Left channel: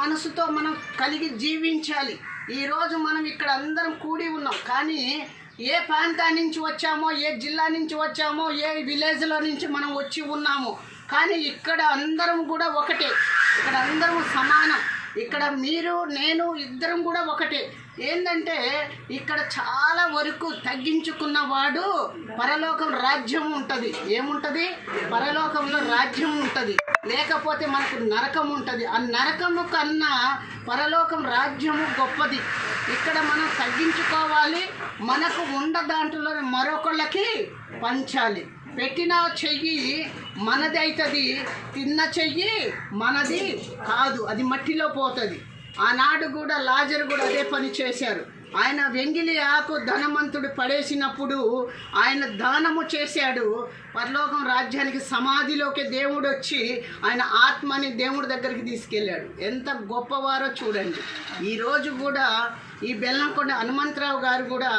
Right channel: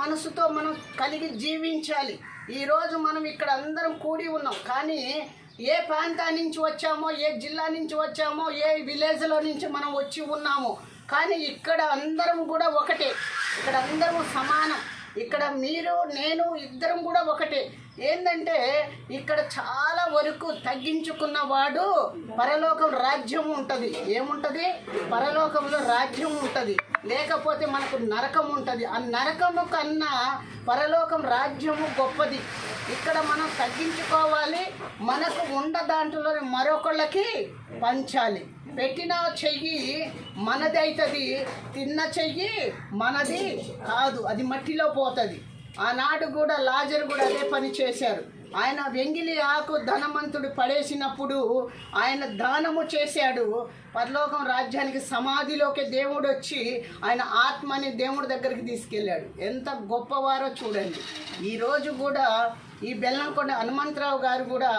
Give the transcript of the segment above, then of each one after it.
మనసుతో మనం కలిగి జీవించాలి. ఈరోజు మనం ఇక్కడ అందరం కూడి ఉన్నాం, కానీ ఏ ప్రాంతం నుంచి వచ్చామో, ఏ జిల్లా నుంచి వచ్చామో, ఏ విలేజ్లో నుంచి మనం వచ్చి ఉన్నామో, కానీ ఇక్కడ అందరం కూడా ఒకటే. ఇక్కడ అందరం సమానం. ఇక్కడ మీరు నేను ఇద్దరం కూడా ఒకటే. ఏంటంటే ఇక్కడ చాలా వరకు తగ్గించుకున్నవాడు పరలోకం రాజ్యం ఉంటుంది. ఏముంటుంది? పరలోకంలో రాజ్యం ఉంటుంది. లేకపోతే మనకు నరకం ఉంటుంది. ఆ నరకము కన్నా పరలోకం రాజ్యము గొప్పది. ఇక్కడ మనం తగ్గించుకోవాలి. మనకు ఉన్న దాంట్లో మరొకళ్ళకి పంచాలి. పెట్టిన చెయ్యి మనది అవుతుంది, తిన్న చెయ్యి మనది కాదు, అది మట్టిలో పోతుంది. ఆనాడు కూడా లాజరు కూడా అదే పని చేశారు. ఆయన వెంగిలి ఆకు ధనవంతుడు పడేసినప్పుడు ఆయన దానము చేశాడు. పరలోకం రాజ్యానికి సమాధిలోకి దేవుడు వచ్చి ఆయన ఆత్మని దేవుడి దగ్గరికి తీసుకెళ్ళాడు. ఎంత గొప్పవారో చూడండి. ఈరోజు కూడా ఈ బెల్లంకొండ హనుమంతరావు గారు కూడా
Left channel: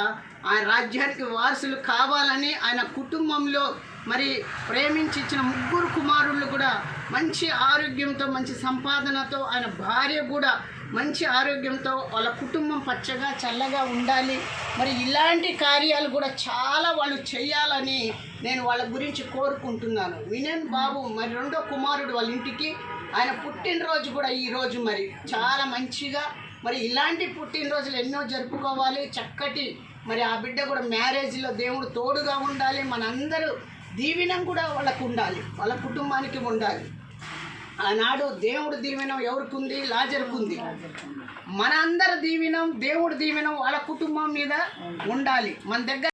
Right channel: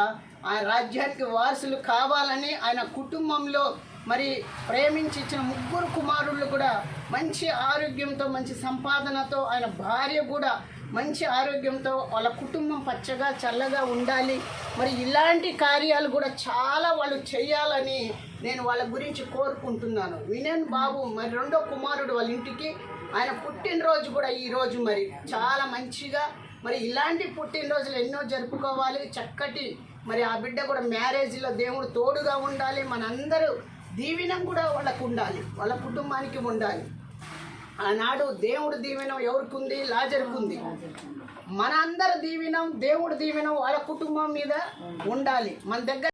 ఆయన రాజ్యానికి వారసులు కావాలని ఆయన కుటుంబంలో మరి ప్రేమించి ఇచ్చిన 3 కుమారులు కూడా మంచి ఆరోగ్యంతో, మంచి సంపాదనతో, ఆయన భార్య కూడా మంచి ఆరోగ్యంతో, వాళ్ళ కుటుంబం పచ్చగా చల్లగా ఉండాలి. మరి ఇలాంటి కార్యాలు కూడా చాలా వాళ్ళు చేయాలని నేను వాళ్ళ గురించి కోరుకుంటున్నాను. వినయ్ బాబు మరి 2వ కుమారుడు వాళ్ళ ఇంటికి ఆయన పుట్టినరోజు కూడా ఈరోజు మరి చాలా మంచిగా మరి ఇలాంటి పుట్టినరోజులు ఎన్నో జరుపుకోవాలి. చక్కటి మరి ఆ బిడ్డ కూడా మ్యారేజ్లో దేవుడు తోడుగా ఉండాలి. మనందరూ దీవెనం కూడా వాళ్ళకు ఉండాలి, వాళ్ళ కుటుంబానికి ఉండాలి. ఆనాడు దేవుడు దీవెనం ఎవరికి ఉంది? లాజరుకు ఉంది. మన అందరి దీవెనం, దేవుడి దీవెనం వాళ్ళ కుటుంబం మీద ఉండాలి. మన దగ్గర